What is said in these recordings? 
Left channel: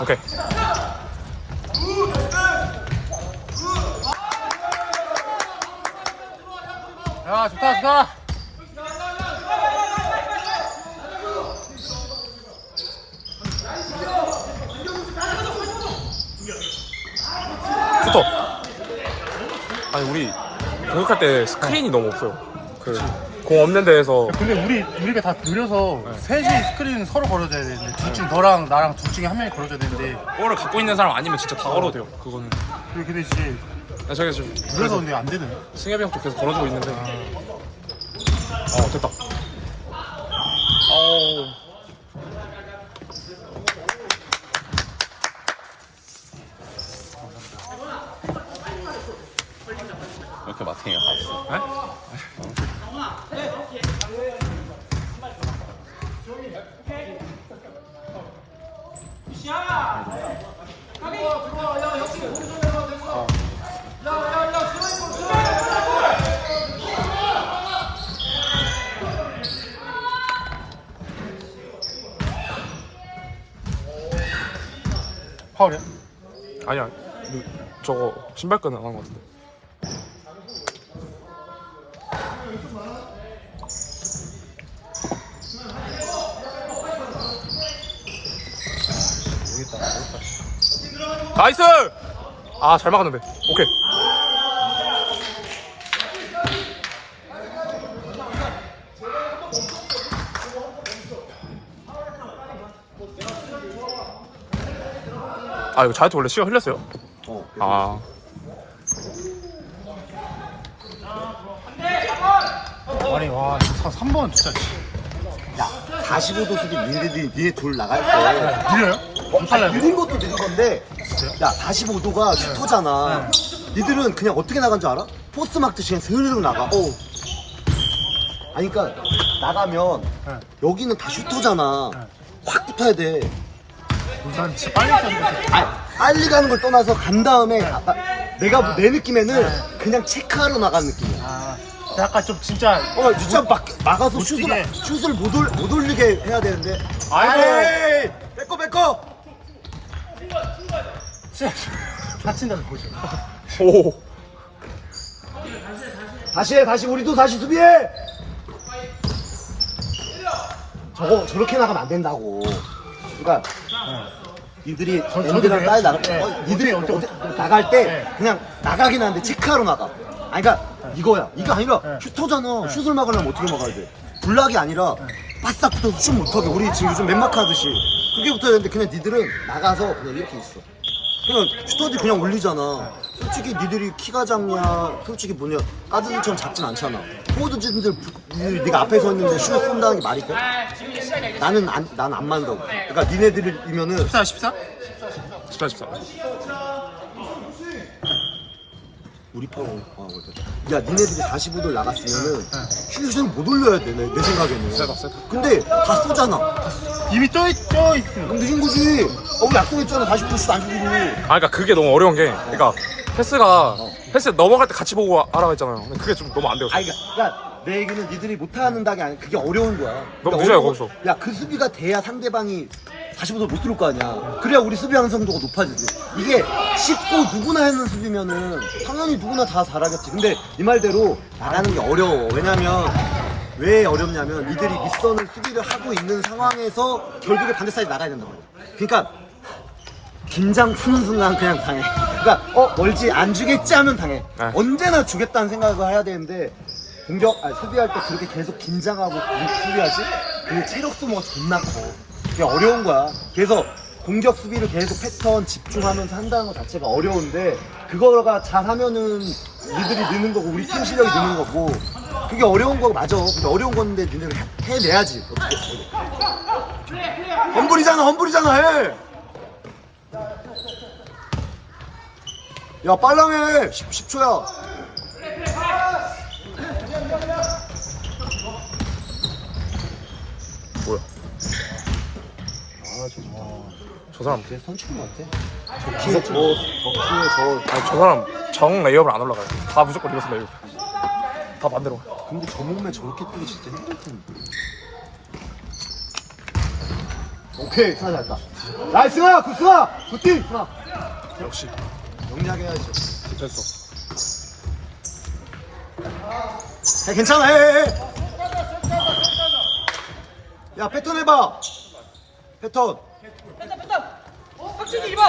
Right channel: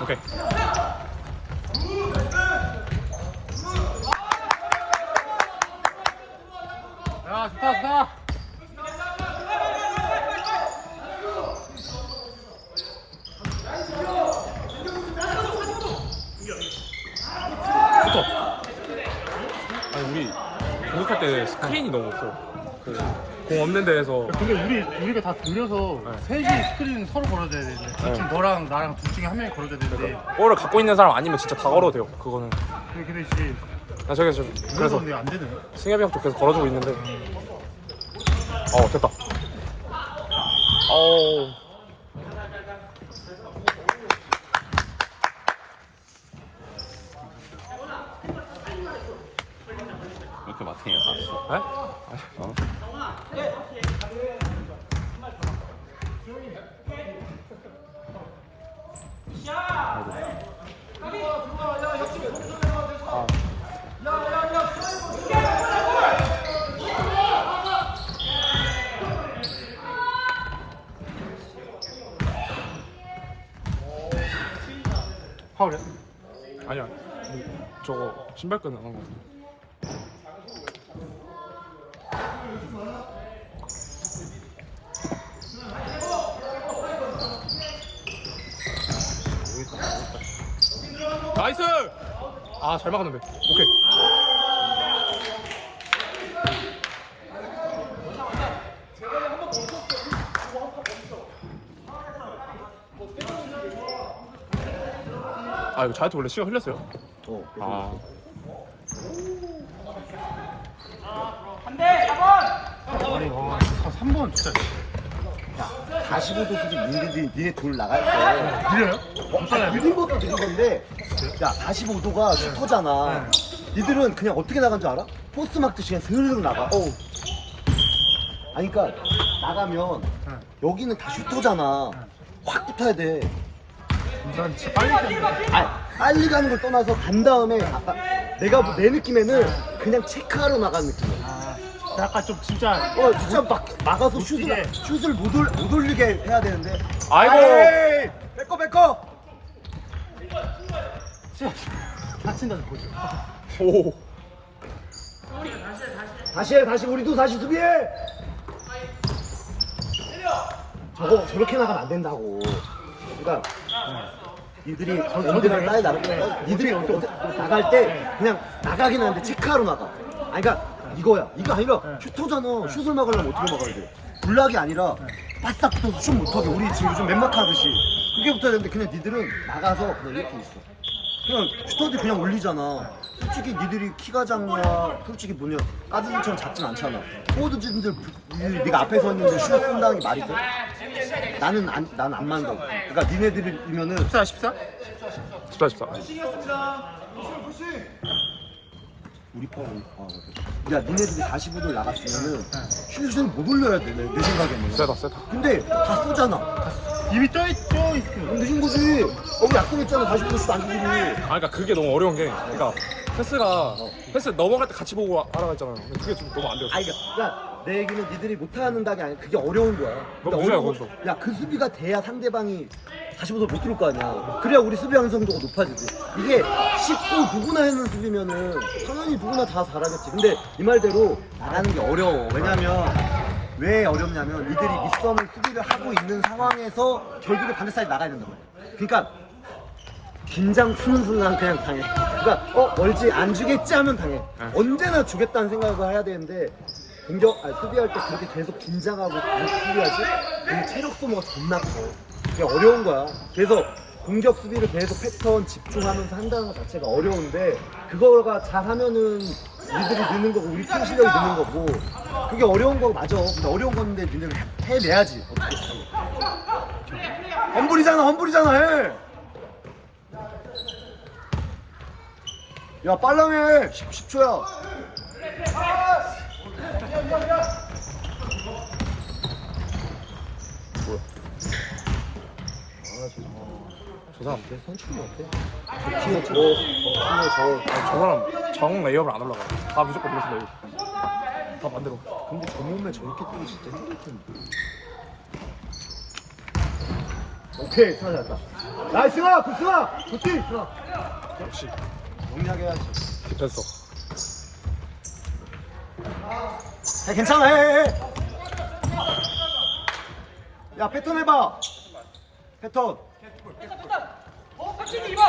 오케이. 야 좋다 좋다 붙어. 아니 우리 공격할 때 스크린이 너무 없어요. 그 공 없는 데에서 근데 우리 우리가 다 돌려서 네. 셋이 스크린 서로 걸어줘야 되는데 둘중 너랑 나랑 둘 중에 한 명이 걸어줘야 되는데 볼을 갖고 있는 사람 아니면 진짜 다 걸어도 돼요. 그거는. 그리고 근데 이제 나 저기 좀 그래서 그래서 근데 안 되네 승엽이 형쪽 계속 걸어주고 있는데. 어 됐다. 어우. 이렇게 마탱이가 갔어. 에? 파울이야? 아니야. 이- 저거 신발끈 안한 것 같은데. 나이스! 아, 잘 막았는데. 오케이. 아, 이거 자이트 원래 시간 흘렸어요? 어. 아. 아니 와 이거 3번 진짜. 45도 수비 니네들이 니네 돌 나갈 때. 느려요? 안 빨라요? 느린 것도 느린 건데 야 45도가 슈터잖아. 니들은 그냥 어떻게 나간 줄 알아? 포스트 막듯이 그냥 스르륵 나가. 어. 아니 그니까 나가면 네. 여기는 다 슈터잖아. 확 붙어야 돼. 난 진짜 빨리 뛰었는데 아, 빨리 가는 걸 떠나서 간 다음에 아까 내가 내 느낌에는 그냥 체크하러 나간 느낌이야 약간 좀 진짜 어 진짜 막 막아서 못 슛을 뛰게. 슛을 못, 올, 못 올리게 해야 되는데. 아이고. 아이 뺏고 진짜 다친다는 거죠. 오. 다시 해 다시. 우리도 다시 수비해! 저거 저렇게 나가면 안 된다고. 그러니까 니들이 랜드랑 빨리 나가. 어, 니들이 어디, 나갈 때 그냥 나가긴 하는데 체크하러 나가. 아니 그러니까 이거야 이거 아니라 슈터잖아 슛을 막으려면 어떻게 막아야 돼 블락이 아니라 바싹 붙어서 슛 못하게 우리 지금 요즘 맨마크 하듯이 그게 붙어야 되는데 그냥 니들은 나가서 그냥 이렇게 있어 그냥 슈터들 그냥 올리잖아. 솔직히 니들이 키가 작냐, 솔직히 뭐냐, 까드들처럼 작진 않잖아. 포워드진들, 니들 네가 앞에 서 있는데 슛 쏜다는 게 말이 돼? 나는 안, 난안 만다고. 그러니까 니네들이면은 14 14? 14, 14. 우리 파워. 아, 맞다. 야, 니네들이 45도 나갔으면은 슛을 못 올려야 돼, 내, 내 생각에는. 세다, 세다. 근데 다 쏘잖아. 이미 떠있죠 있어 그럼 늦은 거지. 어, 우리 약속했잖아. 45도 슛 안 주기로. 아, 그러니까 그게 너무 어려운 게, 그러니까 패스가 패스 넘어갈 때 같이 보고 하라고 했잖아요. 근데 그게 좀 너무 안 돼요. 아니, 그러니까 내 얘기는 니들이 못하는 게 아니라 그게 어려운 거야. 너무 그러니까 늦어요, 어려운 거기서. 거- 야, 그 수비가 돼야 상대방이 45도 못 들을 거 아니야. 그래야 우리 수비 완성도가 높아지지. 이게 쉽고 누구나 하는 수비면은 당연히 누구나 다 잘하겠지. 근데 이 말대로 나가는 게 어려워. 왜냐면 왜 어렵냐면 니들이 밑선을 수비를 하고 있는 상황에서 결국에 반대 사이드 나가야 된단 말이야. 그러니까 긴장 푸는 순간 그냥 당해. 그러니까 어 멀지 안 주겠지 하면 당해. 네. 언제나 주겠다는 생각을 해야 되는데 공격 아니 수비할 때 그렇게 계속 긴장하고 수비하지? 그게 체력 소모가 존나 커. 그게 어려운 거야. 그래서 공격 수비를 계속 패턴 집중하면서 한다는 것 자체가 어려운데 그거가 잘하면은 니들이 느는 거고 우리 팀 실력이 느는 거고 그게 어려운 거 맞아. 근데 어려운 건데 니네는 해- 해내야지 어떻게. 험불이잖아 험불이잖아 해. 야 빨랑해 10, 10초야 뭐야? 저저 사람, 쟤 선출인 것 같아. 저 키에 저, 저 키에 저저 사람 정 레이업을 안 올라가요. 다 무조건 리버스 레이업. 다 반대로. 근데 저 몸에 저렇게 뛰기 진짜 힘들 텐데. 오케이 잘했다 나이스! 굿승아 굿팀! 승아 역시. 영리하게 해야지. 됐어. 야, 괜찮아 해, 해, 해. 야 패턴 해봐 패턴 패턴 패턴 어 깜짝이 2번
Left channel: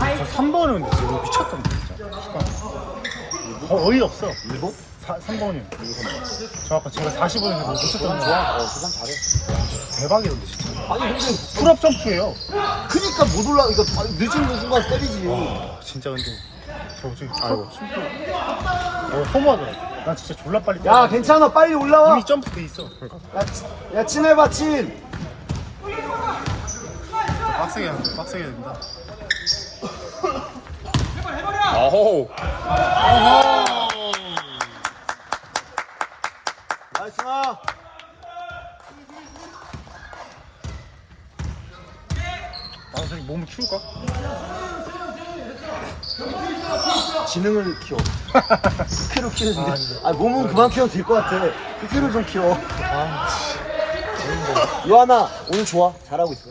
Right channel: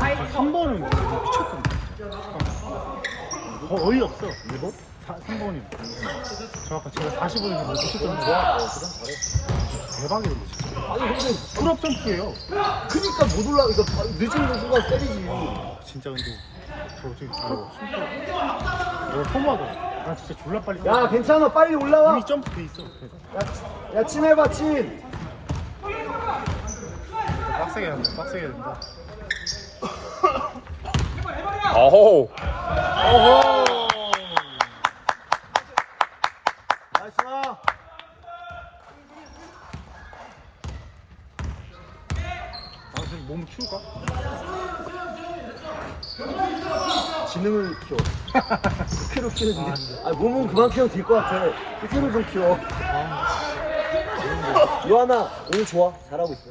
아이씨 3번은 지금 미쳤던데 진짜 어, 어이 없어 일곱? 3번이 정확한 제가 40번인데 미쳤던데 좋아 어 그냥 잘해 대박이던데 진짜 아니 근데 풀업 점프예요 크니까 못 올라 바- 늦은 순간 때리지 진짜 근데 저 저기 아이고 어, 허무하다 난 진짜 졸라 빨리 야 괜찮아. 빨리 올라와. 이미 점프 돼 있어. 야, 치- 야 친해봐 친. 진짜 빡세게 해야 된다. 빡세게 해야 된다. 아호. 나이스. 승아 아 저기 몸 키울까? 지능을 키워. 키로 키워준대 아 몸은 그만 키워도 될 것 같아. 그 키로 좀 키워. 요하나 오늘 좋아. 잘하고 있어.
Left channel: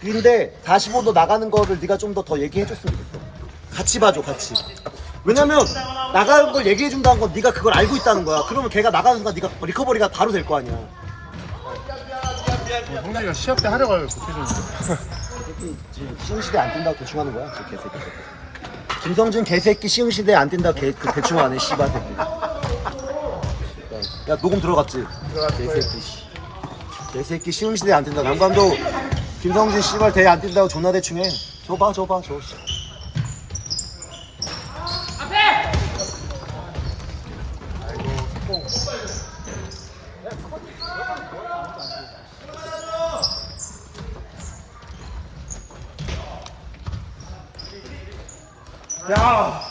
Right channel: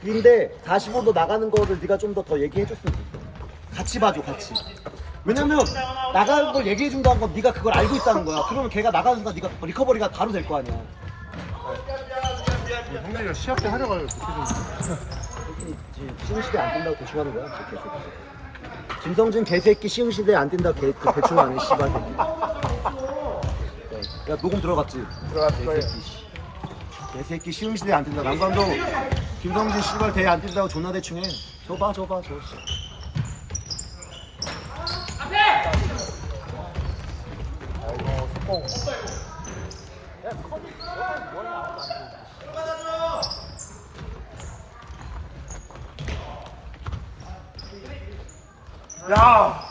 근데 45도 나가는 거를 네가 좀 더 더 얘기해줬으면 좋겠어. 같이 봐줘 같이. 왜냐면 나가는 걸 얘기해준다는 건 네가 그걸 알고 있다는 거야. 그러면 걔가 나가는 순간 네가 리커버리가 바로 될 거 아니야. 어, 형제가 시합 때 하려고 해요 조금 지금 시흥 시대 안 뛴다고 대충 하는 거야 저 개새끼. 김성준 개새끼 시흥 시대 안 뛴다 개 그 대충 안해 씨발 새끼. 야 녹음 들어갔지? 개새끼 씨. 개새끼 시흥 시대 안 뛴다. 양반도 김성준 씨발 대회 안 뛴다고 존나 대충 해. 저봐 저봐 저 씨. 아이고 꼭 야!